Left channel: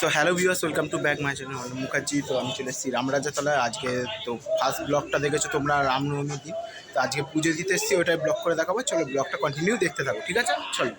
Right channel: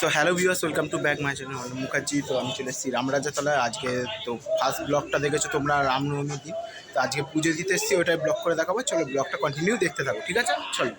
So hello viewers, welcome to back my channel Anup Mukherjee. তো আমি চলে এসেছি রামরাজাতলায়। আজকে তো ফার্স্ট ব্লগটা দেখেছো তোমরা রামনবমীর দিন। তো আজকে পুজো দিতে এসেছি, ওটাই ব্লগ করে দেখাবো। চলো ব্লগটা কন্টিনিউ দেখতে থাকো, ঠিক আছে? চলো।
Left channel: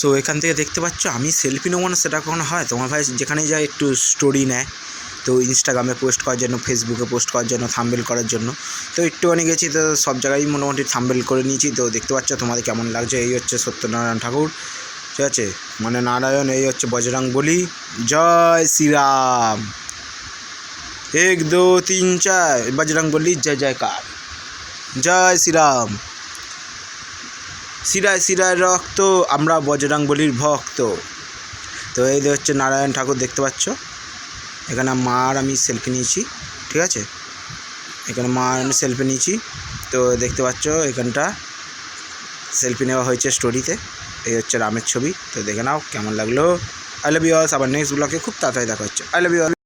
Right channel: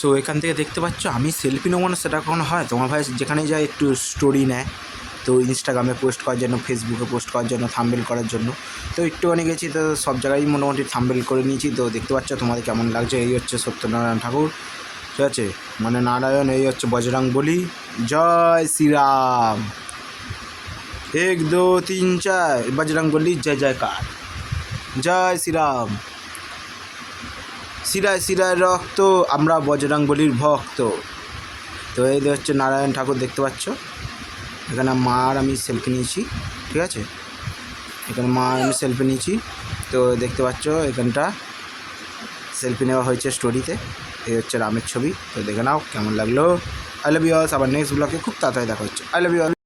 সো এখান থেকে দেখতে পাচ্ছ আমি সেলফি নেবো না, সেটা কখনো হয়? তোমার ভাই যেখানেই যায় একটু স্টোরি নেয়, তো ইনস্টাগ্রামে পোস্ট করার জন্য, ফেসবুকে পোস্ট করার জন্য, থাম্বনেল করার জন্য। তো একটুখানি গেছি, তো সব জায়গায় মোটামুটি থাম্বনেল করে নিয়েছি। তো দেখতে পাচ্ছ তোমাদের কেমন লাগছে। এই হচ্ছে সত্যনারায়ণ ঠাকুর, ঠিক আছে, মানে নারায়ণ। এই হচ্ছে বজরং বলি। জয় শ্রীরাম, 1 2 3 4 বজরং বলি, জয় জয়কার, জয় শ্রীরাম। শিরায় শিরায় রক্ত, আমরা বজরং বলির ভক্ত। তো এই হচ্ছে নারায়ণ ঠাকুর, দেখতে পাচ্ছ। এখানে মা আর আমি সেলফি নিয়েছি, ঠিক আছে। এখানে মা আর আমি সেলফি নিয়েছি। তো দেখতে পাচ্ছ এখানটা সেলফি নেওয়া হয়েছে স্টোরিতে। এই হচ্ছে রামের ছবি। তো দেখে নাও কেমন লাগলো। I love you all. আবার নেক্সট ব্লগে খুব তাড়াতাড়ি দেখা হচ্ছে। I love you all.